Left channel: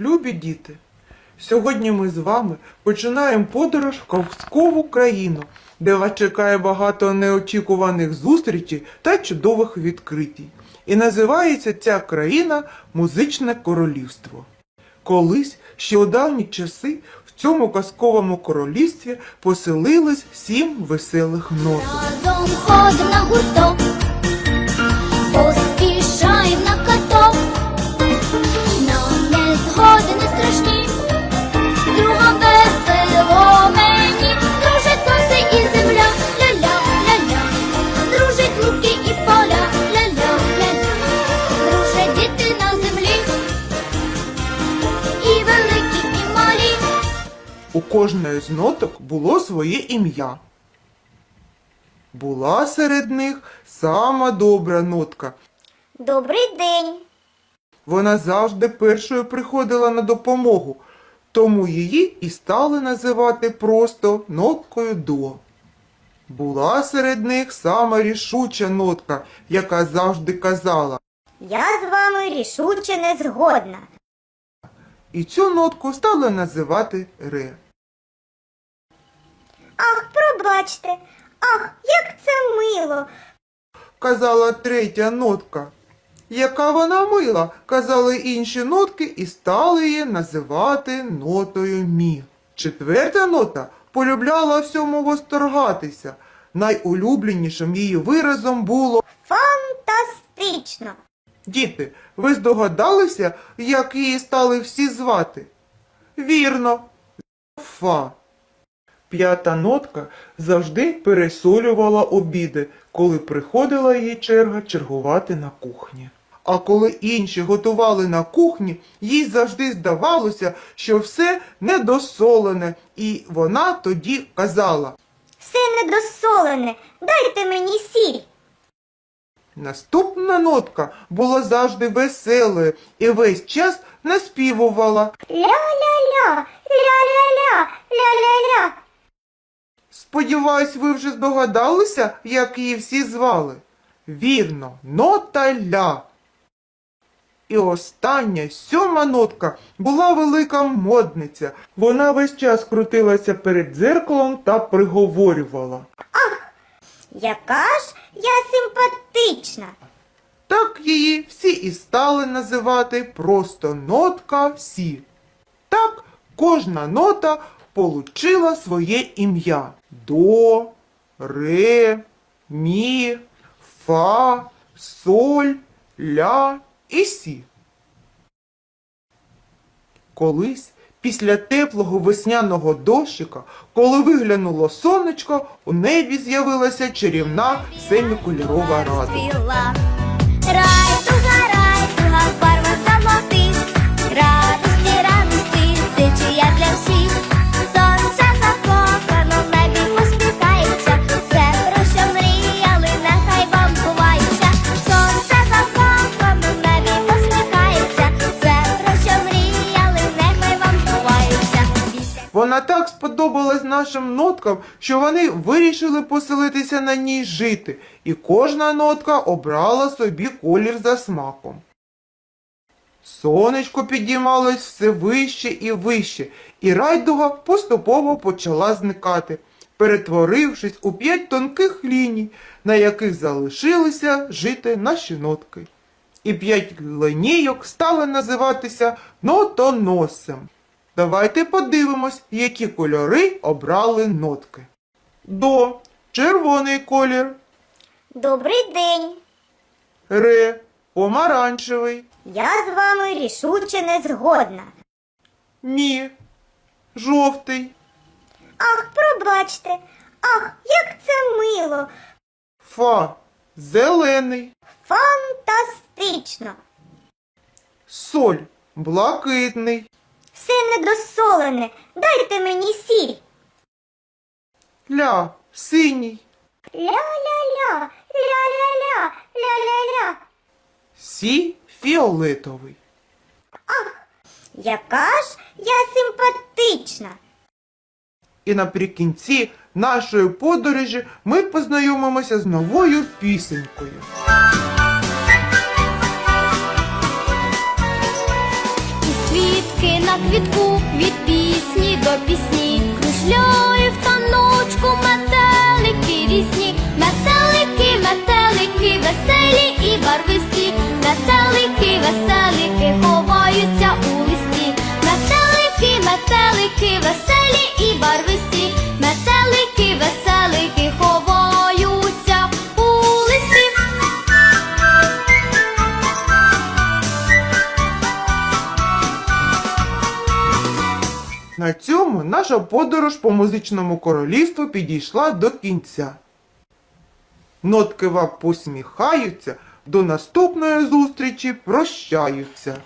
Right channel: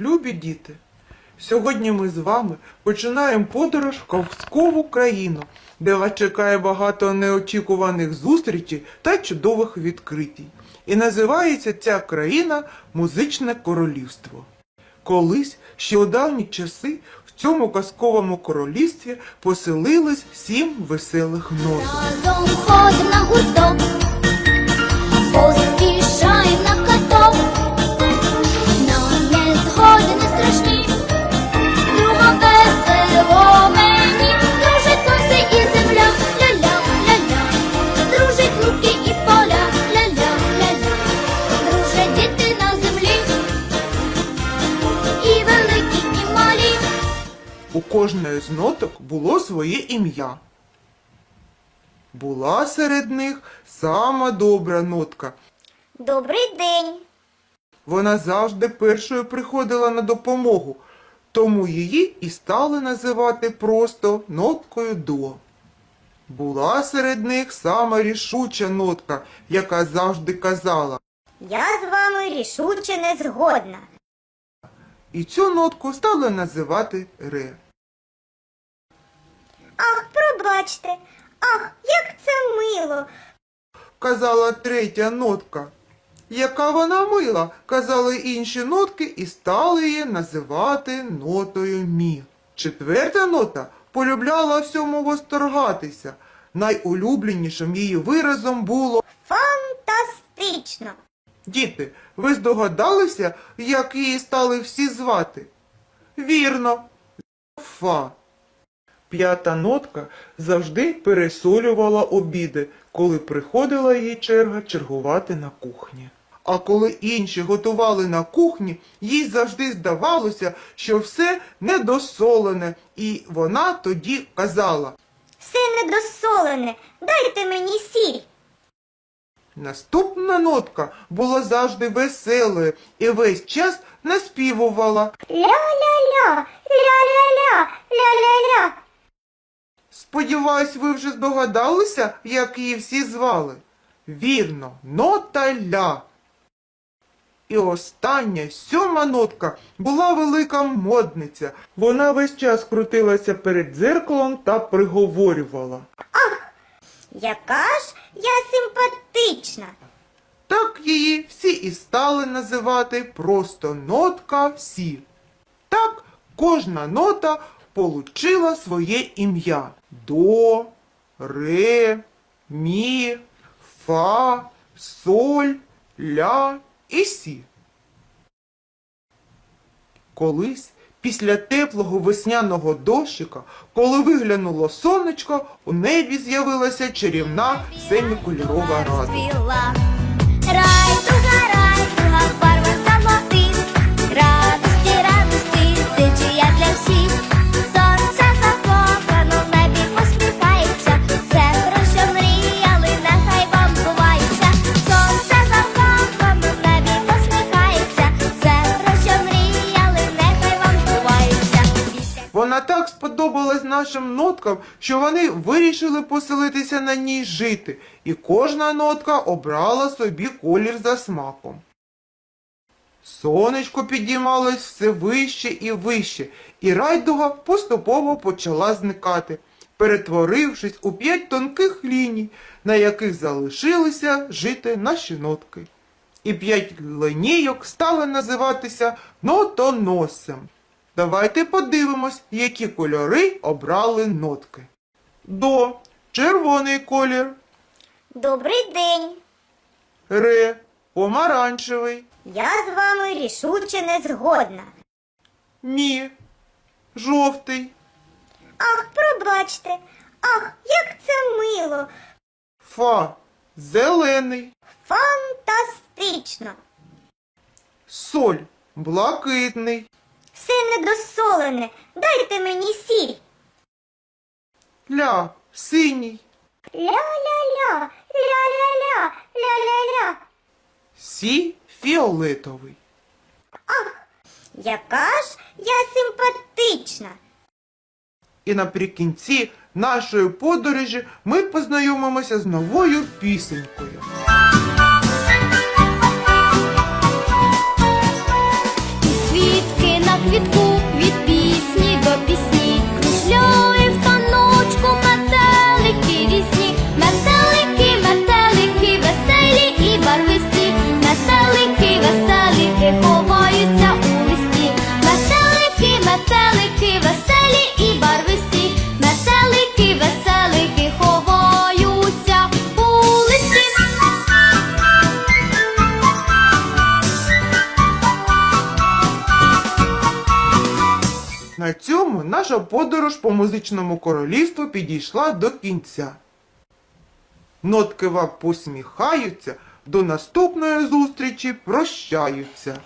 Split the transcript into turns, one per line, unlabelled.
Любі діти, сьогодні ми з вами починаємо подорож в казкову країну, де вас чекає багато неочікуваних зустрічей та чудових відкритій. І називається ця країна Музичне Королівство. Колись, ще у давні часи, в цьому казковому королівстві поселились сім веселих нот.
Разом ходим на гурток, поспішаєм на
У кожної з ноток було своє ім'я. Була серед них сама добра нотка.
Добрий день.
Вона завжди першою приходила на допомогу, тому її і стали називати просто ноткою до. Була серед них сама рішуча нотка, яка завжди казала,
Я з вами рішуче не згодна.
і цю нотку стали називати ре.
Ах, пробачте, ах, як це мило.
казала третя нотка. Яка вона мила, казали інші нотки і стали її називати нотою мі. Четверта нота полюбляла всьому восторгатися. Найулюбленішим її виразом було
Фантастично.
Діти, ви здогадалися, як її стали всі звати? Вірно, фа. П'ята нотка завжди пересолювала обіди, коли приходила її черга чергувати на кухні. А коли інші готували на кухні, їй завжди здавалося, що все недосолене, і вона тоді казала.
Все недосолене. Дайте мені сіль.
Наступна нотка була завжди веселою і весь час наспівувала.
Ля-ля-ля, ля-ля-ля, ля-ля-ля.
Сподіваюсь, ви вже здогадалися, як її всі звали. Вірно, нота ля. І остання сьома нотка була велика модниця. Вона весь час крутилася перед дзеркалом та приговорювала.
Ах, Яка ж я симпатична.
Так її всі і стали називати просто нотка всі. Так кожна нота получила своє ім'я. До, ре, мі, фа, соль, ля і сі. Колись після теплого весняного дощика, коли виглянуло сонечко, у небі з'явилася чарівна семикольорова радуга.
Райдуга, райдуга, в барвах золотих. Радості,
Вона так сподобалась нашим ноткам, що вони вирішили поселитися на ній жити, і кожна нотка обрала собі колір за смаком. Сонечко підіймалось все вище і вище, і райдуга поступово почала зникати, перетворившись у п'ять тонких ліній, на яких залишилися жити наші нотки. І п'ять линійок стали називатися нотоносем. Давайте подивимось, які кольори обрали нотки. До. Червоний колір,
Добрий день.
ре. Помаранчевий,
Я з вами рішуче не згодна.
мі жовтий,
Ах, пробачте, ах, як це мило,
фа. Зелений,
фантастично.
соль. Блакитний,
Все недосолене, дайте мені сіль.
ля синій,
Ля-ля-ля, ля-ля-ля, ля-ля-ля.
сі фіолетовий.
Ах, Яка ж я симпатична.
І наприкінці нашої подорожі ми познайомимося з новою пісенькою.
Квітку від пісні до пісні. Кружляє в таночку метелики різні, метелики, метелики, веселі і барвисті, метелики, веселики ховаються у листі, метелики, метелики, веселі
На цьому наша подорож по музичному королівству підійшла до кінця. Нотки вам посміхаються, до наступної зустрічі прощаються.